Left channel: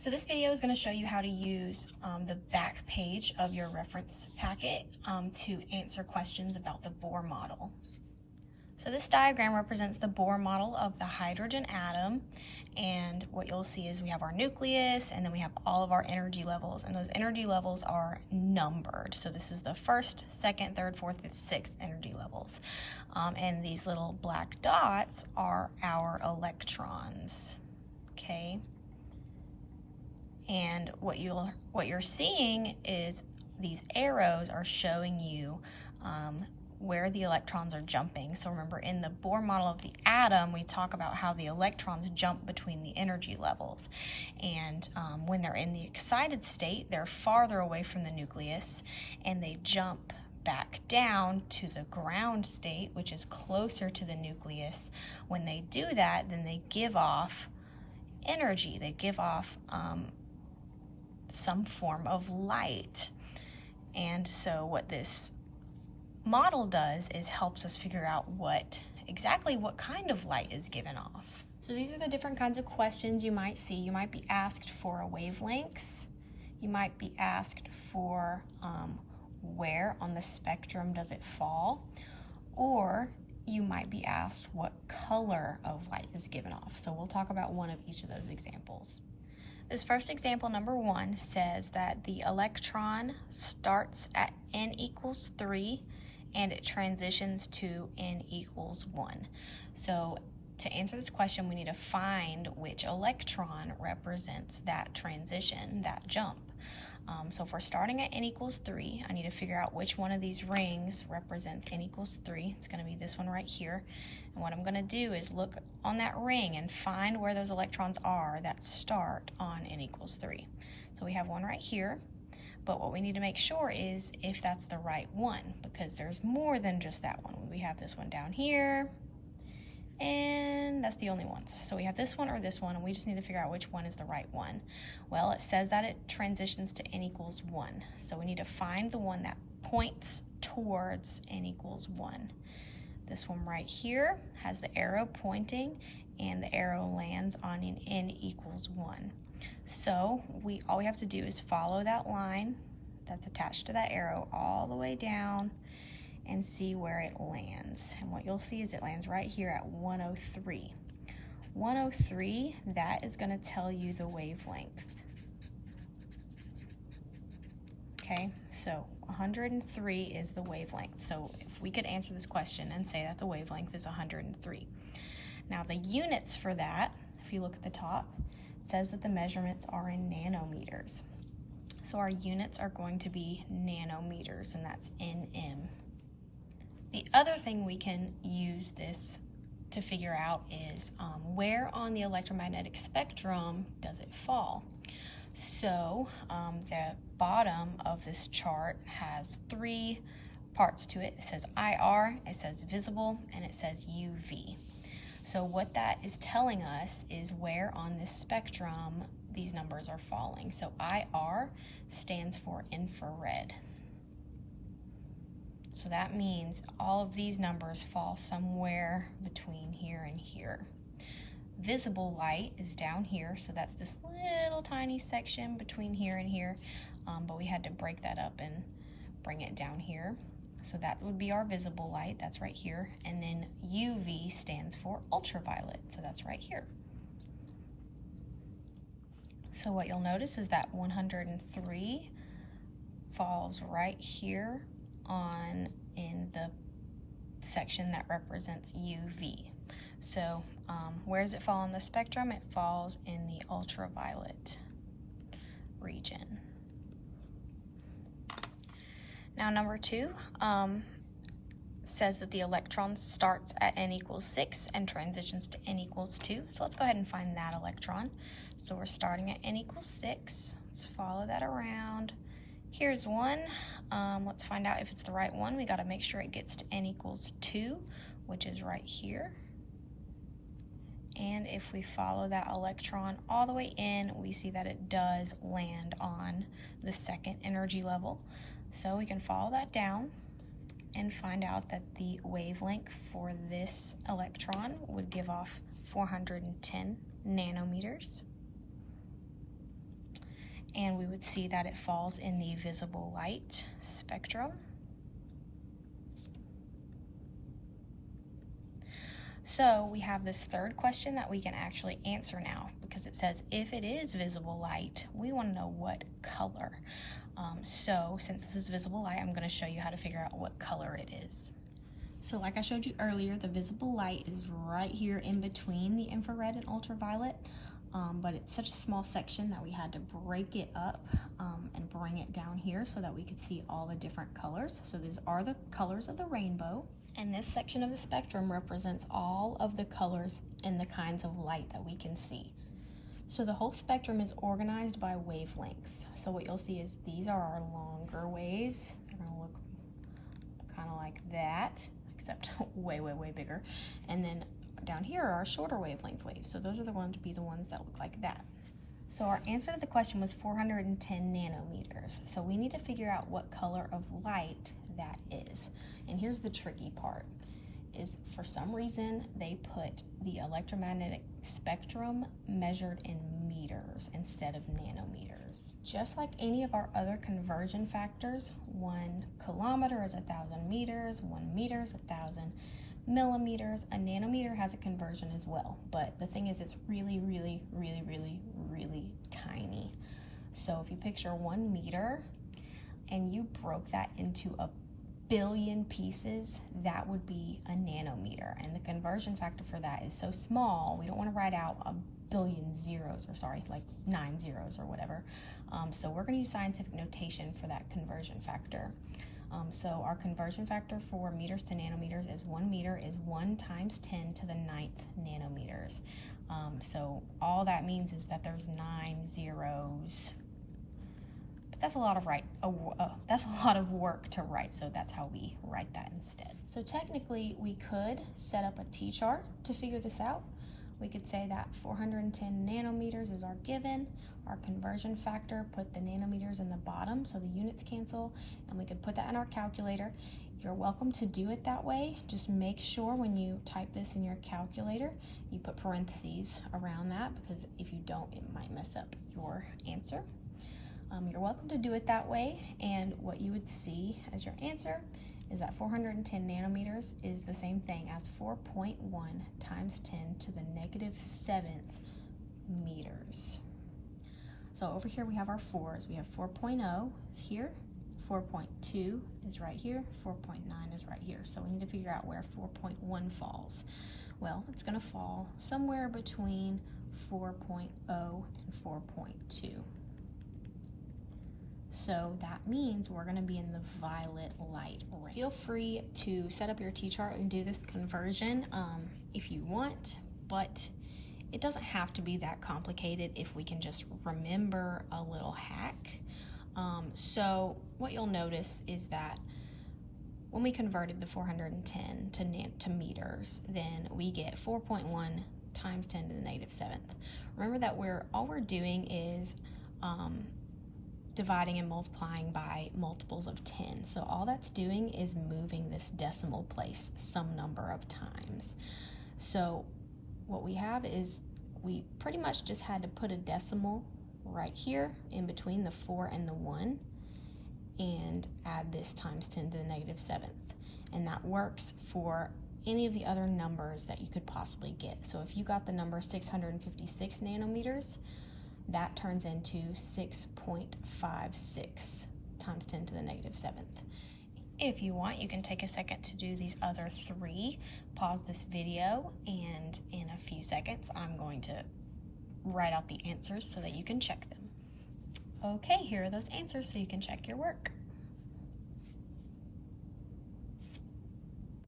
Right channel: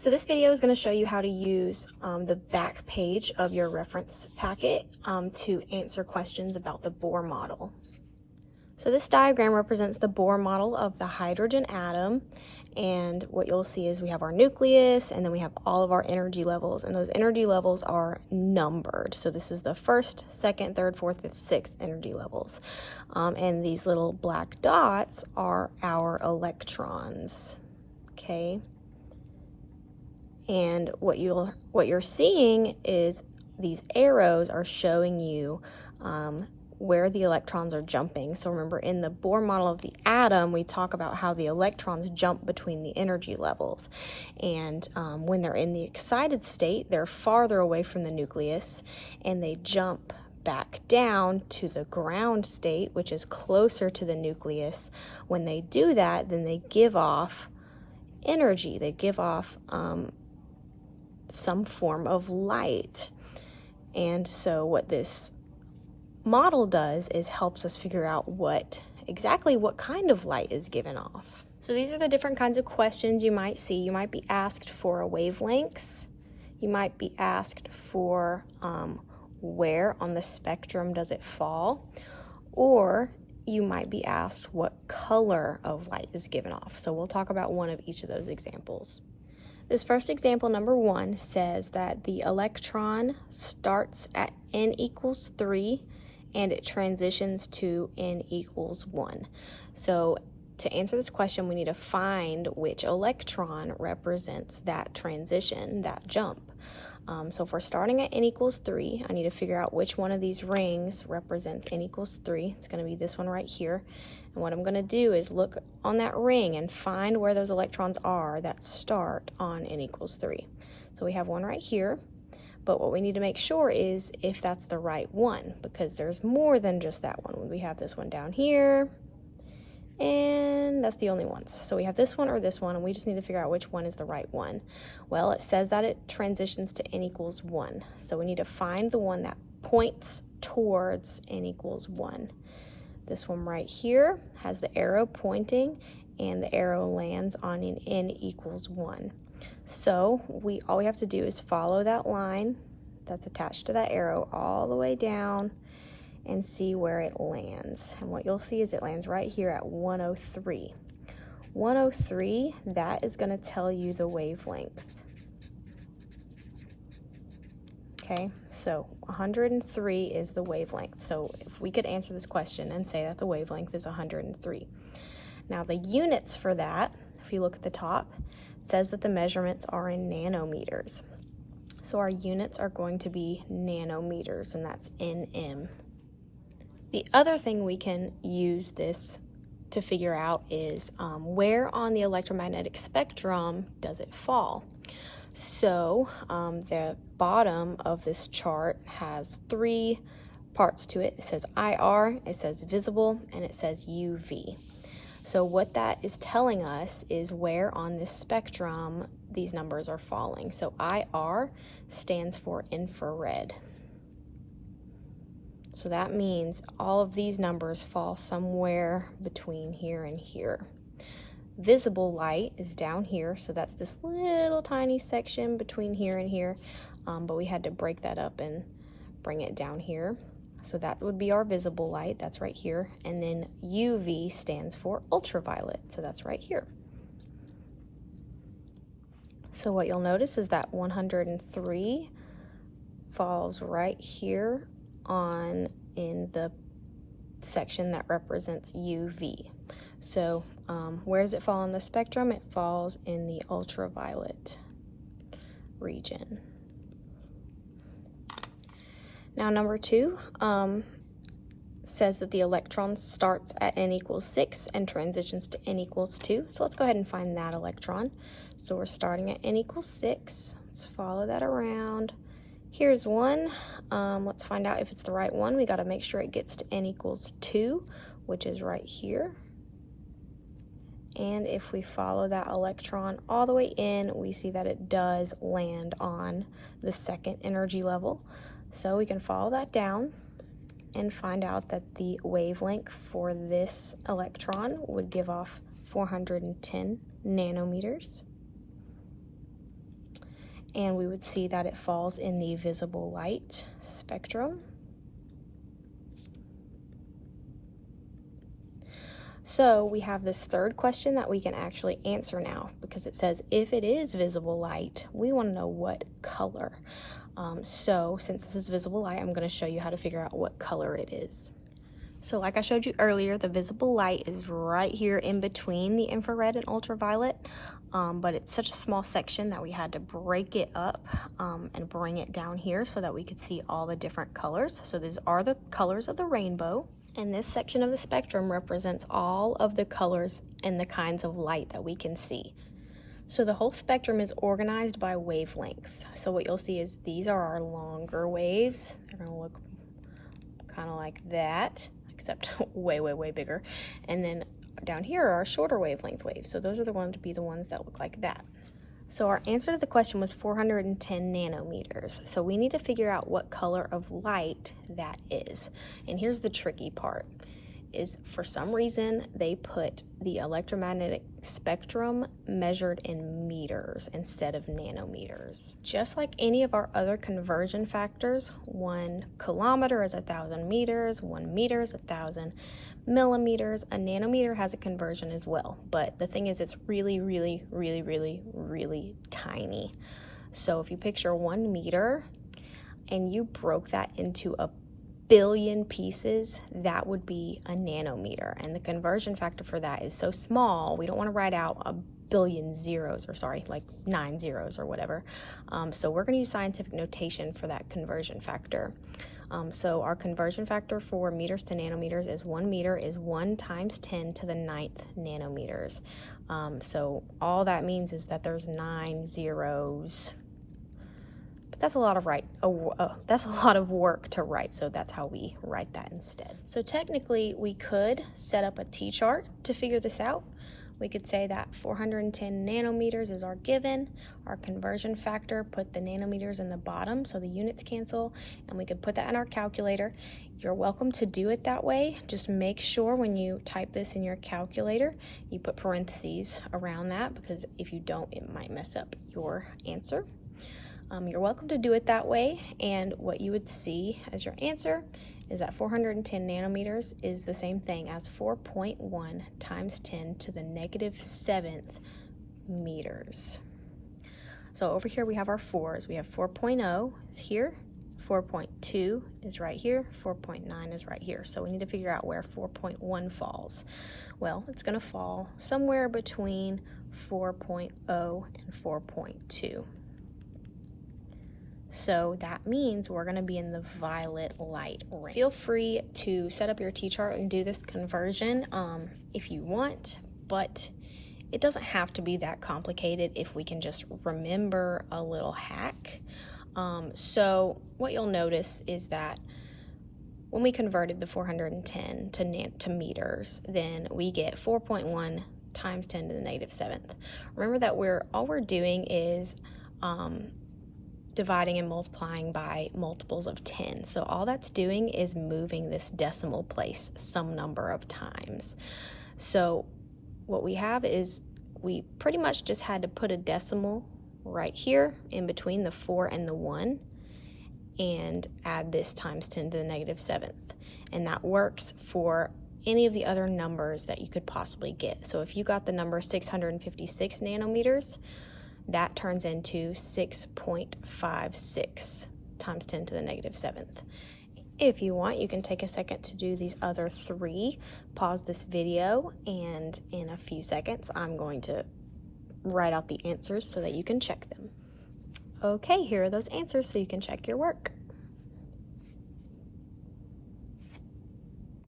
So this video is going to show you how to use the back page of your reference packet to answer questions about the Bohr model. So this diagram represents the Bohr model of the hydrogen atom, and what you'll see is we have our nucleus and then we have all of our energy levels, and those energy levels are numbered. So this is the first, second, third, fourth, fifth, sixth energy levels. And these little black dots are our electrons, okay? And what you're seeing is these arrows are showing you where the electrons are jumping. So remember, in the Bohr model of the atom, we talk about how the electrons jump between the energy levels. And when they're in the excited state, they're farther away from the nucleus, and they jump back down to the ground state, which is closer to the nucleus. When they do that, then they give off energy. They give off some form of light. And so what this model does is helps us figure out exactly what kind of light is given off. So these are the different kinds of questions you might see. You might be asked for a wavelength. You might be asked for where on the spectrum does it fall, or you might be asked what color of light is given off. So we'll talk about one of each of those examples. This first example, number 1, says that the electron starts at n equals 3 and it transitions to n equals 1. So to answer this question, we need to find which electron represents that transition, that jump. So if we're starting at n equals 3, I need to figure out which one of these rings represents n equals 3. It's going to be this one right here. And what I'm going to do is look on that ring and find where those electrons are that start on n equals 3. So we have one right here, but what we need to make sure is if that's the right one, because there's more than just that one. We have this one down here, and that's the only ones. So we have this one or this one, and we just need to figure out which one is the right one. Well, it says that it transitions to n equals 1. So we need to find the one that points towards n equals 1. This one right here has the arrow pointing, and the arrow lands on an n equals 1. So all we have to do is follow that line that's attached to that arrow all the way down and see where it lands. And what you'll see is it lands right here at 103. 103, that is going to tell you the wavelength. Okay, so 103 is the wavelength. So if we could answer this question and say that the wavelength is 103. Now the units for that, if you look at the top, it says that the measurements are in nanometers. So our units are going to be nanometers, and that's nm. The other thing we can use this to figure out is where on the electromagnetic spectrum does it fall. So the bottom of this chart has 3 parts to it. It says IR, it says visible, and it says UV. So what that is telling us is where on the spectrum these numbers are falling. So IR stands for infrared. So that means all of these numbers fall somewhere between here and here. Visible light is down here, so that's this little tiny section between here and here, but we had to break that up and bring it down here. So that would be our visible light, that's right here, and then UV stands for ultraviolet, so that's right here. So what you'll notice is that 103 falls right here in the section that represents UV. So where does it fall on the spectrum? It falls in the ultraviolet region. Now number 2 says that the electron starts at n equals 6 and transitions to n equals 2. So let's go ahead and find that electron. So we're starting at n equals 6. Let's follow that around. Here's one. Let's find out if it's the right one. We got to make sure it gets to n equals 2, which is right here. And if we follow that electron all the way in, we see that it does land on the second energy level. So we can follow that down and find out that the wavelength for this electron would give off 410 nanometers. and we would see that it falls in the visible light spectrum. So we have this third question that we can actually answer now, because it says if it is visible light, we want to know what color. So since this is visible light, I'm going to show you how to figure out what color it is. So like I showed you earlier, the visible light is right here in between the infrared and ultraviolet, but it's such a small section that we had to break it up and bring it down here so that we could see all the different colors. So these are the colors of the rainbow, and this section of the spectrum represents all of the colors and the kinds of light that we can see. So the whole spectrum is organized by wavelength. So what you'll see is these are our longer waves. They're going to look kind of like that, except way, way, way bigger. And then down here are our shorter wavelength waves. So those are going to be the ones that look like that. So our answer to the question was 410 nanometers. So we need to figure out what color of light that is. And here's the tricky part, is for some reason they put the electromagnetic spectrum measured in meters instead of nanometers. Just like any of our other conversion factors, 1 kilometer is 1,000 meters, 1 meter is 1,000 millimeters. A nanometer has a conversion as well, but the thing is it's really, really, really, really, really tiny. So if you picture 1 meter and you broke that into a billion pieces, that would be a nanometer, and the conversion factor for that is so small we don't want to write out a billion zeros, or sorry, like 9 zeros or whatever. So we're going to use scientific notation for that conversion factor. So our conversion factor for meters to nanometers is 1 meter is 1 times 10 to the 9th nanometers. So all that means is that there's 9 zeros. But that's a lot of that's a lot of work to write, so that's how we write that instead. So technically we could set up a t-chart to figure this out. We could say that 410 nanometers is our given, our conversion factor, put the nanometers in the bottom so the units cancel, and we could put that in our calculator. You're welcome to do it that way. Just make sure when you type this in your calculator, you put parentheses around that, because if you don't, it might mess up your answer. You're welcome to do it that way, and what you would see as your answer is that 410 nanometers is the same thing as 4.1 times 10 to the -7th meters. So over here we have our 4s. We have 4.0 is here, 4.2 is right here, 4.9 is right here. So we need to figure out where 4.1 falls. Well, it's going to fall somewhere between 4.0 and 4.2. So that means we're going to be in the violet light range. Feel free to set up your t-chart and do this conversion if you want, but it doesn't have to be that complicated if we can just remember a little hack. So what you'll notice is that when we converted the 410 to meters, then we get 4.1 times 10 to the -7th. Remember that all we're doing is dividing and multiplying by multiples of 10. So all that's doing is moving this decimal place some number of times. So what we have is we pretty much just had to put a decimal right here in between the 4 and the 1 and add this times 10 to the -7th. And that works for any of the other numbers that you could possibly get. So if you got the number 656 nanometers, that turns into 6.56 times 10 to the -7th. If you want, you can take a second to do these other 3. Pause this video, and in a few seconds, I'm going to write out the answers so that you can check them. Okay, here are those answers so you can check your work.